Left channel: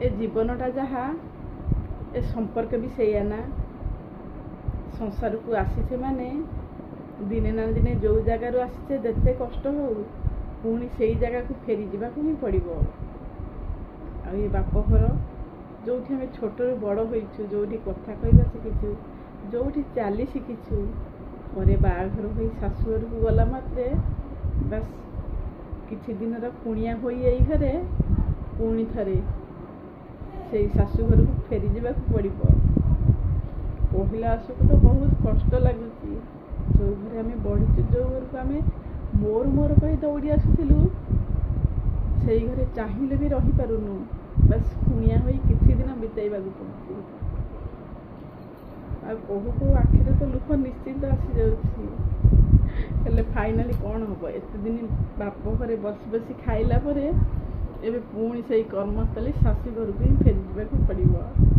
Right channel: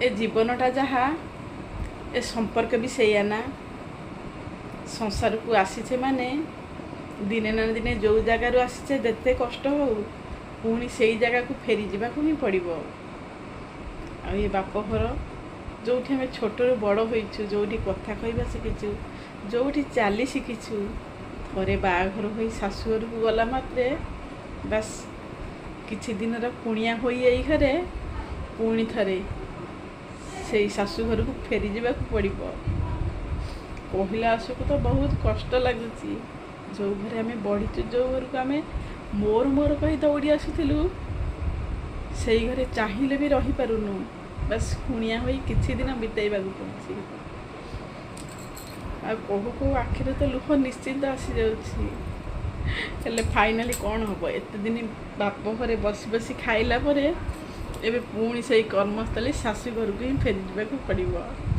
ए जीवनटा जहा ए संपर्क भी सैया ना। संसार को आसीचे माने दिने ना दिने जो जगार आसीचे जेते कष्ट हो पुणी से जगह को फेरी जावाक ही पड़ो। आ ये बापघर जो आम छोटू बड़ होइछु, जो कथा कहवा शिखीचु, जो चली शिखीचु, थे बाघर हो शाशुघर को गला मात्रे बस किछि दिन कुणिया हो घरे पुणी थे से शाशुघर को फेरी जावाक पड़ो। कहला आसक तो बहुत कष्ट लगुच। जो घरे आम बढ़ीचु, जो घर को आम मोर मोर कही दौड़ी आसुलु से घरे चाहिए भी रही पारुनु। बस कुणिया हो किछि दिन बिताइबा पड़ुछि। आ कहू कहू आखिरे तो लुह निश्चिंत आसी जाउछि। फाइनाली कौन हम एत दिन बाप घरे बसी बसी खाइला परे एबे पुणी से कर्मस्थली शाशु घर को ही फेरी जावाक पड़ो।